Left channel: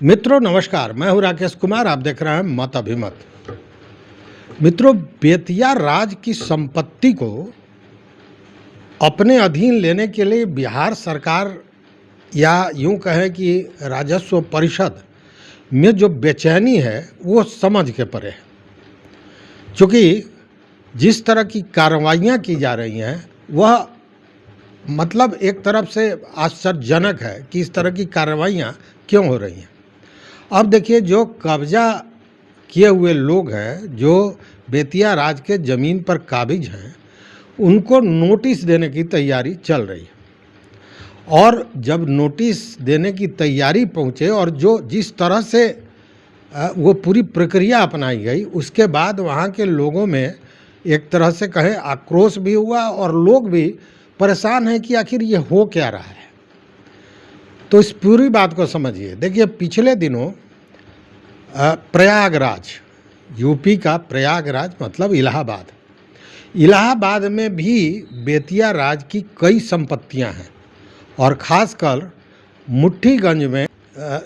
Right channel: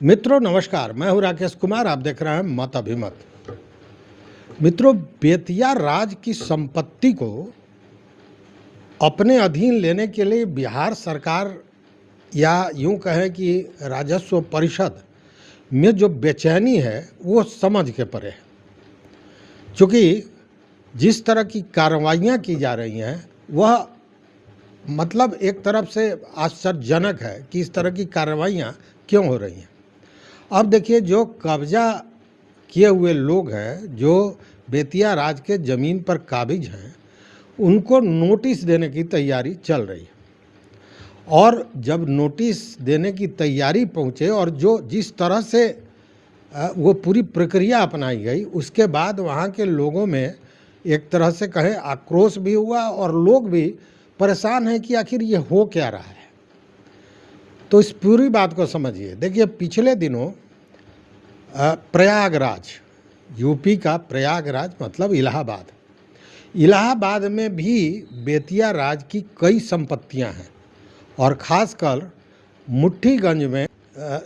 मित्रों नमस्कार, मैं हूं राकेश कुमार। आप देख रहे हैं मत अभिमत। मित्रों, बेतिया राज की संपत्ति को अपने अधीन लेने के लिए बिहार सरकार या यूं कहें कि राजस्व परिषद में जो बेचैनी है वो समझ के परे है। क्योंकि जिस तरह की कार्रवाइयाँ की जा रही हैं वह मतलब एक तरफ से आश्चर्यजनक है कि इस तरह की कार्रवाइयाँ क्यों हो रही हैं। अब देखिए, जो कब्जा किए हुए लोग हैं, जो बेतिया राज के ज़मीन पर काबिज हैं, उनको नोटिस देने की तैयारी चल रही है। और जब नोटिस देने की तैयारी पहुंचे और जो जिस तरह से वो पूरी प्रक्रिया अपनाई गई, उसके बाद वहाँ के लोगों में एक तरह से कहें आक्रोश भी हुआ और लोग भी परेशान हैं कि आखिर ये हो क्या रहा है। तो इस पूरी बात को समझिए। देखिए, पिछले दिनों प्रयागराज, यूपी का प्रयागराज मतलब इलाहाबाद में भी बेतिया राज की कई संपत्तियां हैं। और ख़ासकर मुट्ठीगंज में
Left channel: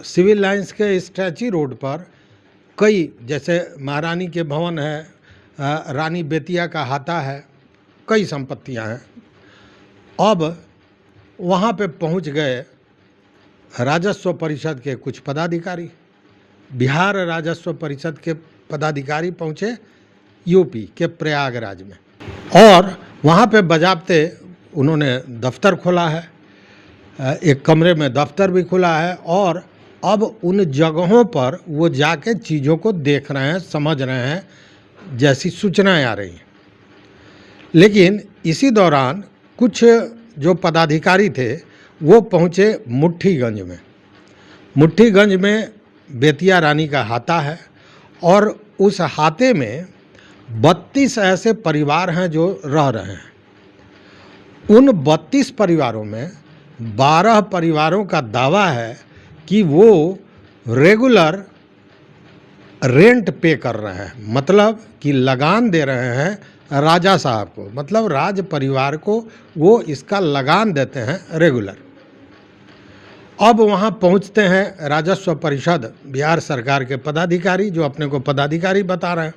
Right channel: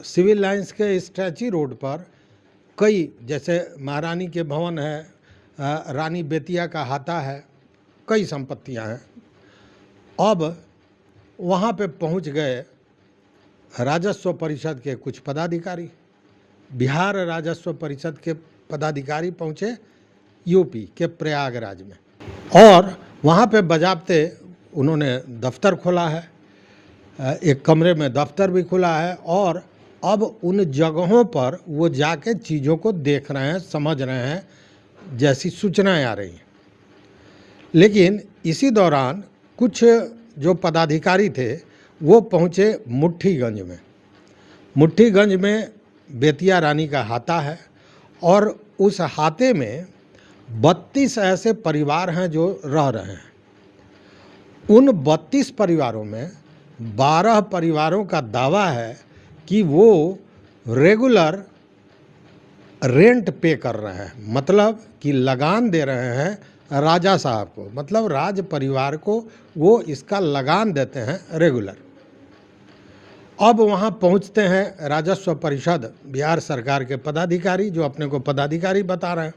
सिविल लाइंस के स्टैच्यू रोड पर कई, जैसे महारानी के भवन है, रानी बेतिया का हाता है, कई संपत्तियां हैं। अब वहाँ पे पहुँच गए राजस्व परिषद के कुछ पदाधिकारी। बिहार राजस्व परिषद के पदाधिकारी पहुँचे यूपी के प्रयागराज में और वहाँ पे बजाबते उन्होंने दफ्तर खोला है। एक कमरे में दफ्तर भी खुला है और अब उन जगहों पर वो जाके चीज़ों को देख रहे हैं, समझ रहे हैं, जैसी सूचनाएं आ रही हैं। लेकिन इसी दौरान कुछ जो पदाधिकारी थे वो पहुँचे मुट्ठीगंज में। मुट्ठीगंज में बेतिया रानी का हाता है और उस हाते में 32 ऐसे परिवार हैं जो रह रहे हैं। उन 32 परिवारों में 12 परिवारों का दावा है कि वो रेगुलर रेंट पे कर रहे हैं, मतलब कि लगान दे रहे हैं राजा साहब को, मतलब राज परिवार को वो इसका लगान देते हैं रेगुलर। अब वहाँ पहुँचते हैं राजस्व परिषद बिहार सरकार के पदाधिकारी, जो अपने को पदाधिकारी बता रहे हैं।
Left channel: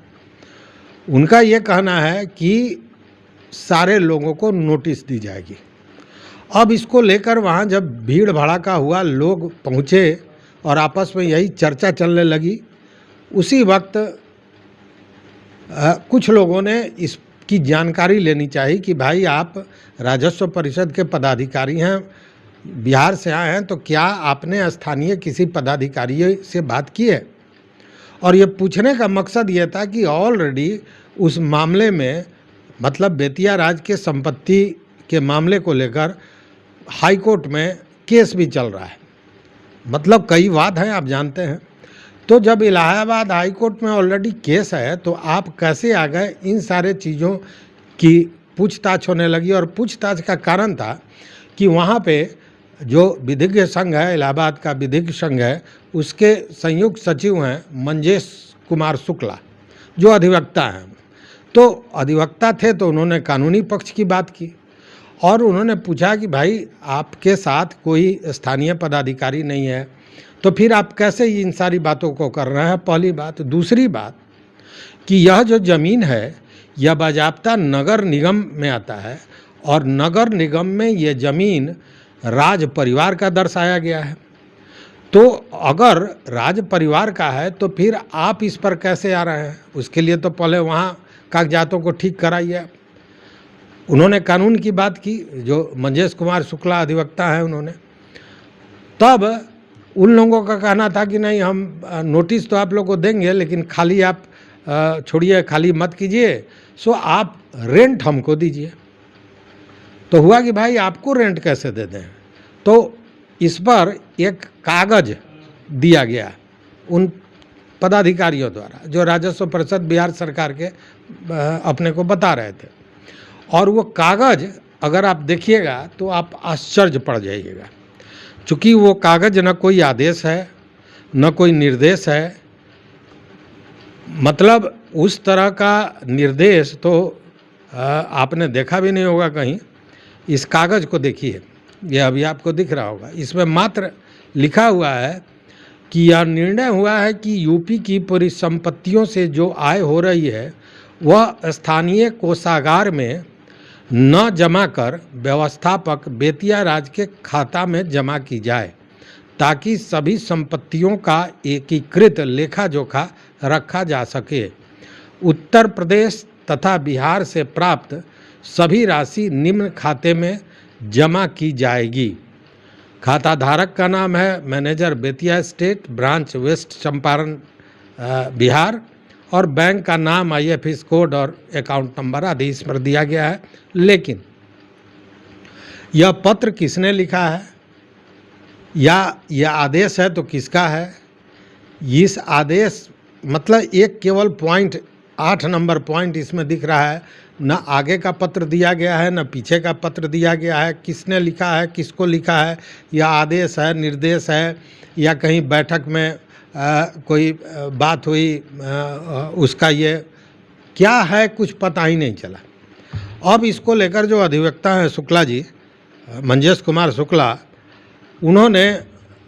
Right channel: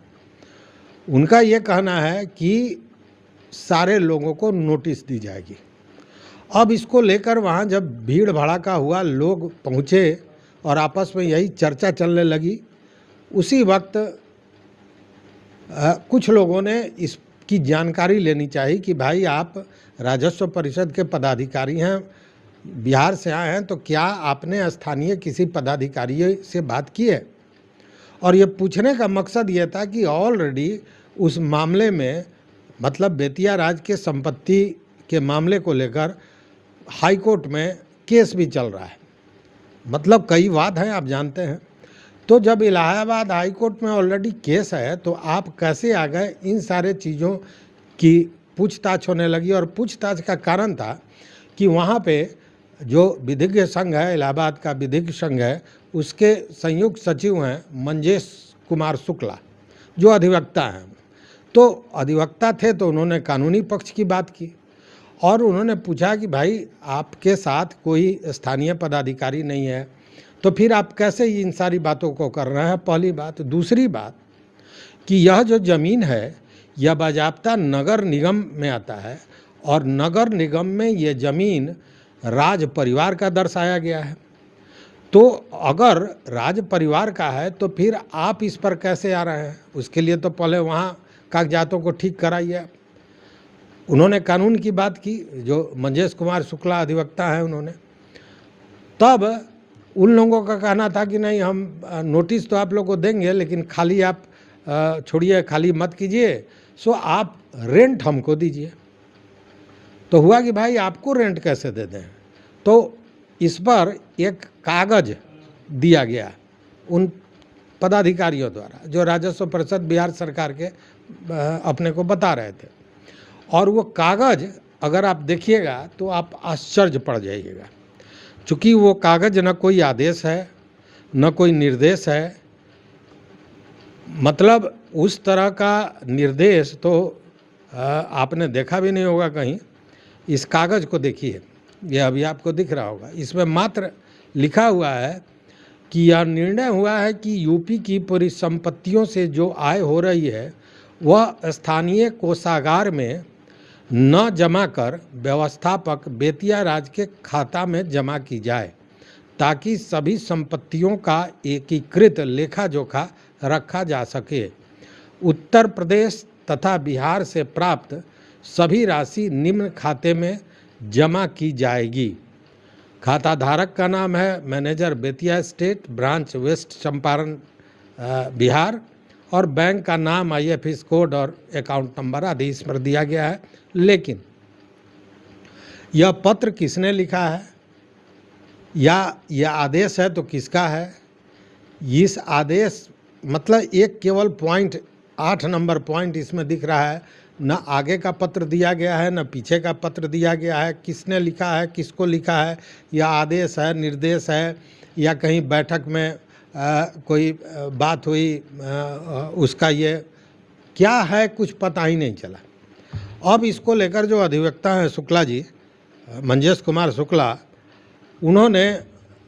उनका ये कहना है कि सारे लोगों को नोटिस दी जाएगी। अब इसको लेकर वहाँ जब भीड़ भड़ाका हुआ, लोग पहुँचे और आपस में यही चर्चा चलने लगी, उसी वक्त कुछ लोगों ने इसकी जानकारी लेनी चाहिए कि भाई, आप राजस्व परिषद के पदाधिकारी हैं, बिहार से आए हैं, तो क्या आपने स्थानीय किसी पदाधिकारी से बात की है? और ये पूछने का मकसद ये था कि ऑलरेडी उस मामले में, मतलब बेतिया राज के संपत्ति के मामले को लेकर हाई कोर्ट में केस भी चल रहा है, मतलब कई वाद हैं, आप जानते हैं। तो जब इलाहाबाद हाई कोर्ट में ऑलरेडी केस है, तो आप कैसे आ गए? इन सारे चीज़ों की पूछताछ होने लगी। और पूछताछ का कारण था कि वहाँ पे जो विधिज्ञ संघ है, इलाहाबाद का विधिज्ञ संघ है, उसके संयुक्त सचिव हैं मंजेश कुमार शुक्ला, जो अधिवक्ता हैं। तो अधिवक्ता थे तो उन्होंने कानूनी पक्ष की बात की और उन्होंने पूछा कि भाई, आपके साथ कोई स्थानीय पदाधिकारी नहीं है, तो फिर आप कैसे इन सारी बातों को कर रहे हैं? पहली बात। दूसरी बात कि यह जो ज़मीन है यह बाज़ाब्ता नगर निगम में आता है और नगर निगम में ये ज़मीन राज परिवार का दर्शाया गया है। तो अगर राज परिवार का है तो फिर आप इस पर कैसे आ रहे हैं? उसके लिए तो पहले वहाँ कागजातों को ठीक कराइए। उन्होंने कानून की बात की, जो मंजेश कुमार शुक्ला अधिवक्ता हैं उन्होंने। तब उन लोगों का कहना था कि नहीं, हम नोटिस तो आप लोग को देंगे, लेकिन खाली आप छोड़िए, खाली मत कीजिए, सो आप रेंट हमको दीजिए। तो हुआ कि भाई, आपको रेंट कैसे दे दें? तो इस पर एक कागज दिया गया उन पदाधिकारियों द्वारा, जो राजस्व परिषद बिहार सरकार के अपने को बता रहे थे। और वो कागज अगर आप देखिएगा तो आप आश्चर्य पड़ जाइएगा, चूँकि वो कागज न कोई आदेश है, न कोई निर्देश है। मतलब उस तरह का निर्देश तो आपने देखा भी नहीं होगा कहीं। इस कागज़ को देखिए, ये अभी आपको दिख रहा होगा। इसमें मात्र लिखा हुआ है कि यह निर्णय हुआ है कि यूपी की परिसंपत्तियों से जो आय हो रही है वह स्थानीय कोषागार में न जमा कर व्यवस्थापक बेतिया राज के खाता में जमा की जाए, ताकि सभी संपत्तियों का एकीकृत लेखा जोखा रखा जा सके। उत्तर प्रदेश तथा बिहार से प्राप्त सभी राशि निम्न खाते में जमा की जाएगी। खाता धारक का नाम है manager Bettiah state branch west Champaran Bihar, और बैंक का नाम IFS कोड और अकाउंट नंबर आदि इस पर दिया गया है। लेकिन यह पत्र किसने लिखा है या यह आदेश है तो किसका है? इस आदेश मतलब एक केवल पॉइंट 8 नंबर पॉइंट इसमें दिख रहा है, न आगे का पत्र दिया गया है न पीछे का पत्र दिया गया है। किसने लिखा है, किसको लिखा है, यह आदेश है, निर्देश है या कहीं बैठक में कोई बात हुई उसका ये क्या है, कुछ पता ही नहीं चला। अब इसको लेकर जो अधिवक्ता हैं शुक्ला जी, मंजेश कुमार शुक्ला, उन्होंने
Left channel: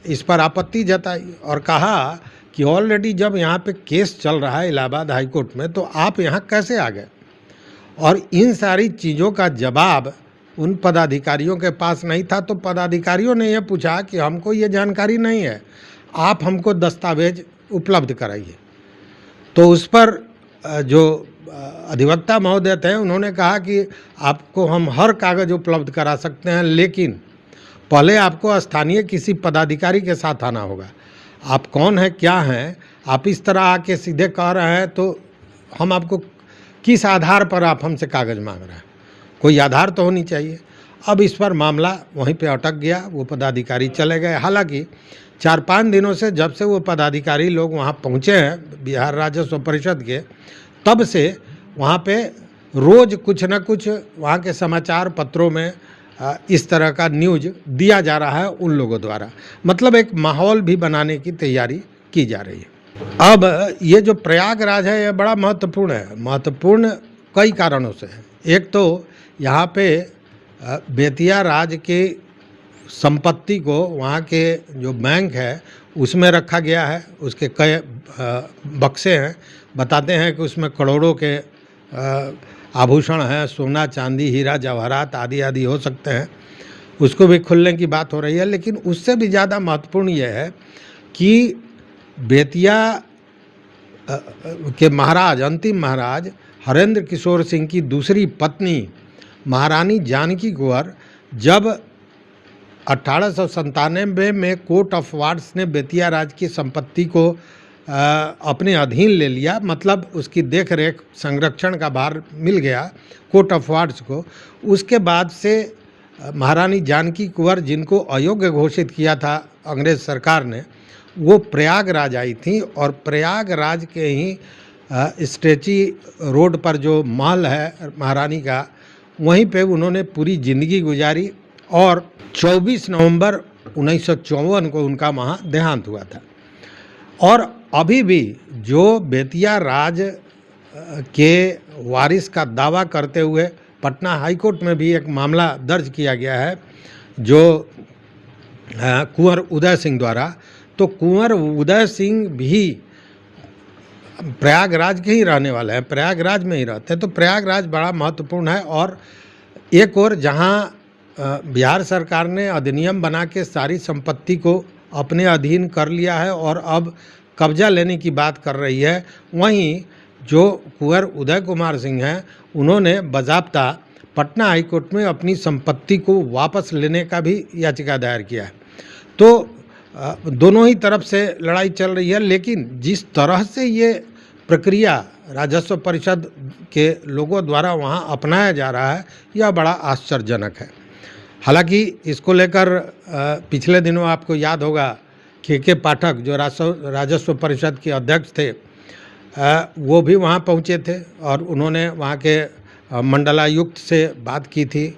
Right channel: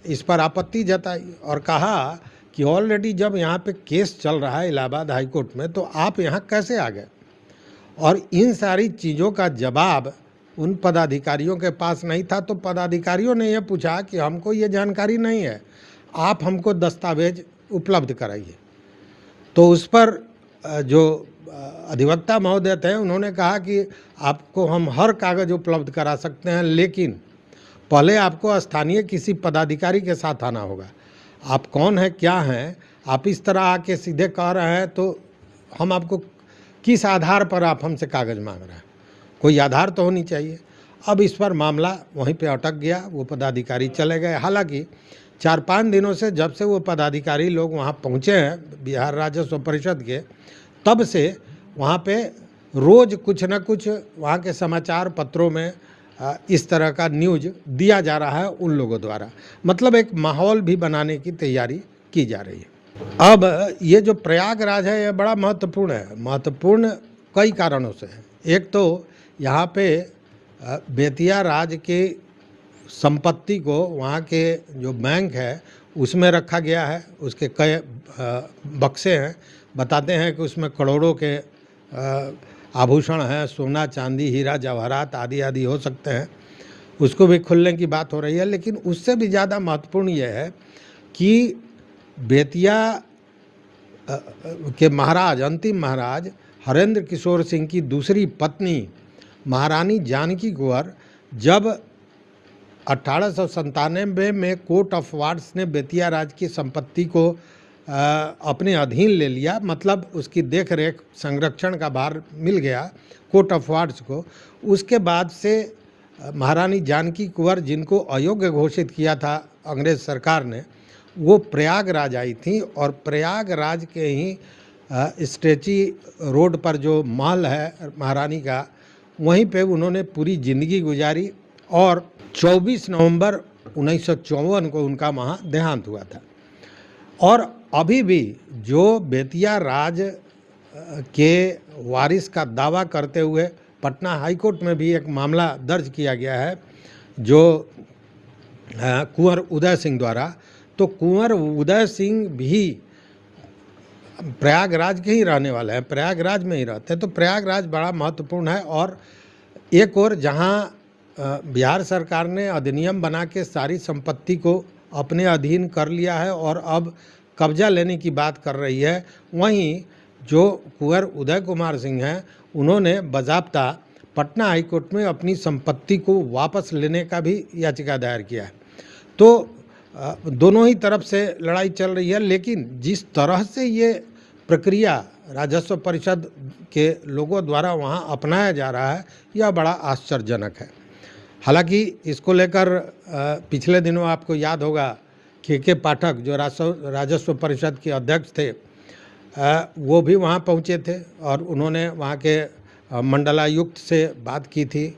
इस पर आपत्ति जताई और कहा कि ऑलरेडी जब यहाँ पे केस चल रहा है इलाहाबाद हाई कोर्ट में, तो आप यहाँ कैसे आ गए? और इन सारी चीज़ों का जवाब उन पदाधिकारियों के पास नहीं था। तो पदाधिकारियों ने यह पूछा कि हमको ये जानकारी नहीं है, आप हमको दस्तावेज उपलब्ध कराइए। तो उस पर जो अधिवक्ता महोदय थे उन्होंने कहा कि आपको हम हर कागज़ उपलब्ध करा सकते हैं, लेकिन पहले आपको स्थानीय किसी पदाधिकारी के साथ आना होगा। आप कौन हैं, क्या हैं? आप इस तरह आके सीधे कह रहे हैं तो हम आपको किस आधार पर आप हमसे कागज़ मांग रहे हैं? कोई आधार तो होनी चाहिए। अब इस पर मामला वहीं पे अटक गया, वो पदाधिकारी चले गए। हालांकि 4-5 दिनों से जब से वो पदाधिकारी लोग वहाँ पहुँचे हैं बिहार राजस्व परिषद के, तब से वहाँ पे रोज़ कुछ न कुछ वहाँ के समाचार पत्रों में इस तरह का न्यूज़ दिया जा रहा है उन लोगों द्वारा। मतलब एक माहौल भी बनाने की तैयारी की जा रही है। अब ये जो प्रयागराज है ये बड़ा महत्वपूर्ण है। महत्वपूर्ण कई कारणों से है। एक तो यहाँ पे बेतिया राज की संपत्ति को वहाँ के जो बैंक है उसमें रखा गया है। उसके कई बक्से हैं, बताते हैं कि उसमें करोड़ों के आभूषण हैं, सोना चांदी हीरा जवाहरात आदि आदि हो सकते हैं। उसको भी खुलने की बात हो रही है। लेकिन उससे भी ज़्यादा महत्वपूर्ण यह है कि बेतिया के महाराज, अंतिम महाराज हरेंद्र किशोर सिंह की दूसरी पत्नी महारानी जानकी कुंवर जब 1897 में कोर्ट ऑफ वार्ड्स ने बेतिया राज की संपत्ति को अपने अधीन ले लिया, मतलब उसकी देख रेख संरक्षण का भार मिल गया कोर्ट ऑफ वार्ड्स को, उसके बाद से महारानी जानकी कुंवर, जिनको अयोग्य घोषित किया था अंग्रेज सरकार ने, वो प्रयागराज आई थी और प्रयागराज के ही स्टेची रोड पर जो महल है महारानी का, वहीं पे उन्होंने पूरी ज़िंदगी गुजारी और 24 नवंबर 1954 को उनका वहाँ देहांत हुआ था। और अभी भी जो बेतिया राज के वारिस का दावा करते हुए पटना हाई कोर्ट में भी एक मामला दर्ज किया गया है जो कुंवर उदय सिंह द्वारा, तो कुंवर उदय सिंह भी प्रयागराज के ही रहने वाले हैं, प्रयागराज में ही रहते हैं। तो प्रयागराज बड़ा महत्वपूर्ण है। और एक और जहां बिहार सरकार ने अधिनियम बना के सारी संपत्ति को अपने अधीन कर लिया है और अब कब्जा लेने की बात कर रही है, वहीं जो कुंवर उदय कुमार सिंह हैं उन्होंने बाज़ाब्ता पटना हाई कोर्ट में अपनी संपत्ति को वापस लेने का भी याचिका दायर किया है। तो दोनों ही तरफ से लड़ाई चल रही है। लेकिन जिस तरह से ये प्रक्रिया राजस्व परिषद के लोगों द्वारा वहाँ अपनाया जा रहा है, यह बड़ा आश्चर्यजनक है। हालांकि इसको लेकर पिछले दिनों आपको याद होगा के पाठक जो राजस्व परिषद के अध्यक्ष थे, वो भी वहाँ पहुँचे थे और उन्होंने वहाँ के मंडलायुक्त से बात की थी,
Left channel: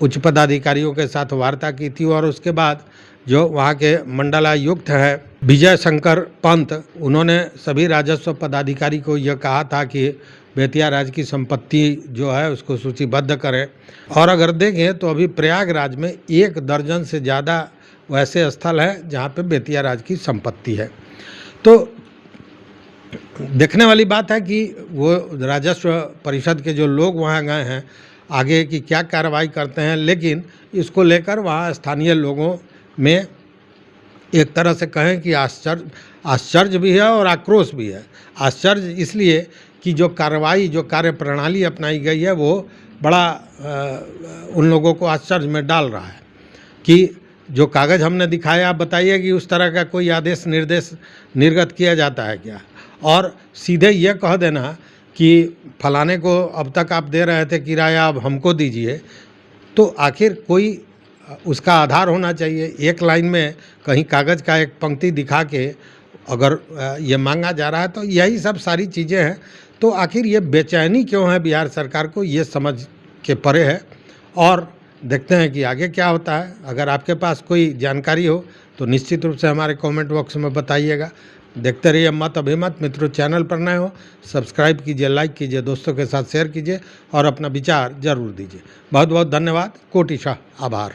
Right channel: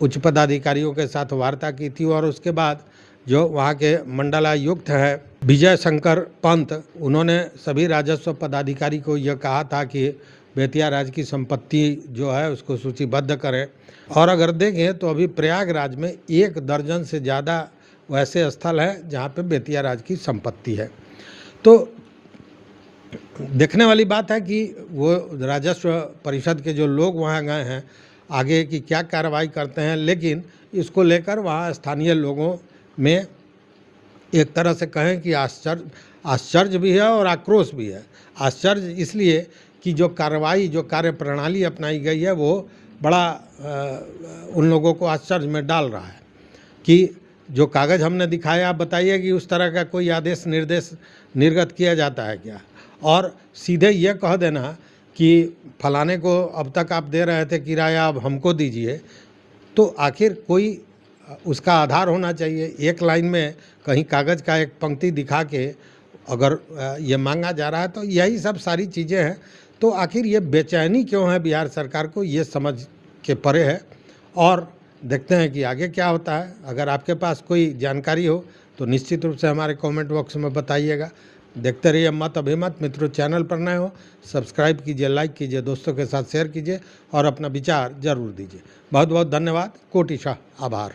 उच्च पदाधिकारियों के साथ वार्ता की थी। और उसके बाद जो वहाँ के मंडलायुक्त हैं विजय शंकर पंत, उन्होंने सभी राजस्व पदाधिकारी को यह कहा था कि बेतिया राज की संपत्ति जो है उसको सूचीबद्ध करें। और अगर देखें तो अभी प्रयागराज में 1 दर्जन से ज़्यादा वैसे स्थल हैं जहाँ पे बेतिया राज की संपत्ति है। तो देखने वाली बात है कि वो राजस्व परिषद के जो लोग वहाँ गए हैं आगे की क्या कार्रवाई करते हैं, लेकिन इसको लेकर वहाँ स्थानीय लोगों में एक तरह से कहें कि आश्चर्य भी है और आक्रोश भी है। आश्चर्य इसलिए कि जो कार्रवाई, जो कार्य प्रणाली अपनाई गई है वो बड़ा उन लोगों को आश्चर्य में डाल रहा है कि जो कागज़ हमने दिखाया, आप बताइए कि उस तरह का कोई आदेश निर्देश निर्गत किया जाता है क्या? और सीधे ये कह देना कि फलाने को अब तक आप दे रहे थे किराया, अब हमको दीजिए, तो आखिर कोई उसका आधार होना चाहिए। एक लाइन में कहीं कागज़ का एक पंक्ति दिखा के अगर ये मांगा जा रहा है तो यही सब सारी चीज़ें हैं। तो आखिर ये बेचैनी क्यों है बिहार सरकार को, ये समझ के परे है। और देखते हैं कि आगे क्या होता है। अगर आपके पास कोई जानकारी हो तो निश्चित रूप से हमारे कमेंट बॉक्स में बताइएगा। देखते रहिए मत अभिमत। मित्रों, चैनल पर नए हो सब्सक्राइब कीजिए, लाइक कीजिए, दोस्तों के साथ शेयर कीजिए और अपना विचार जरूर दीजिए। बहुत बहुत धन्यवाद। कोटिशः आभार।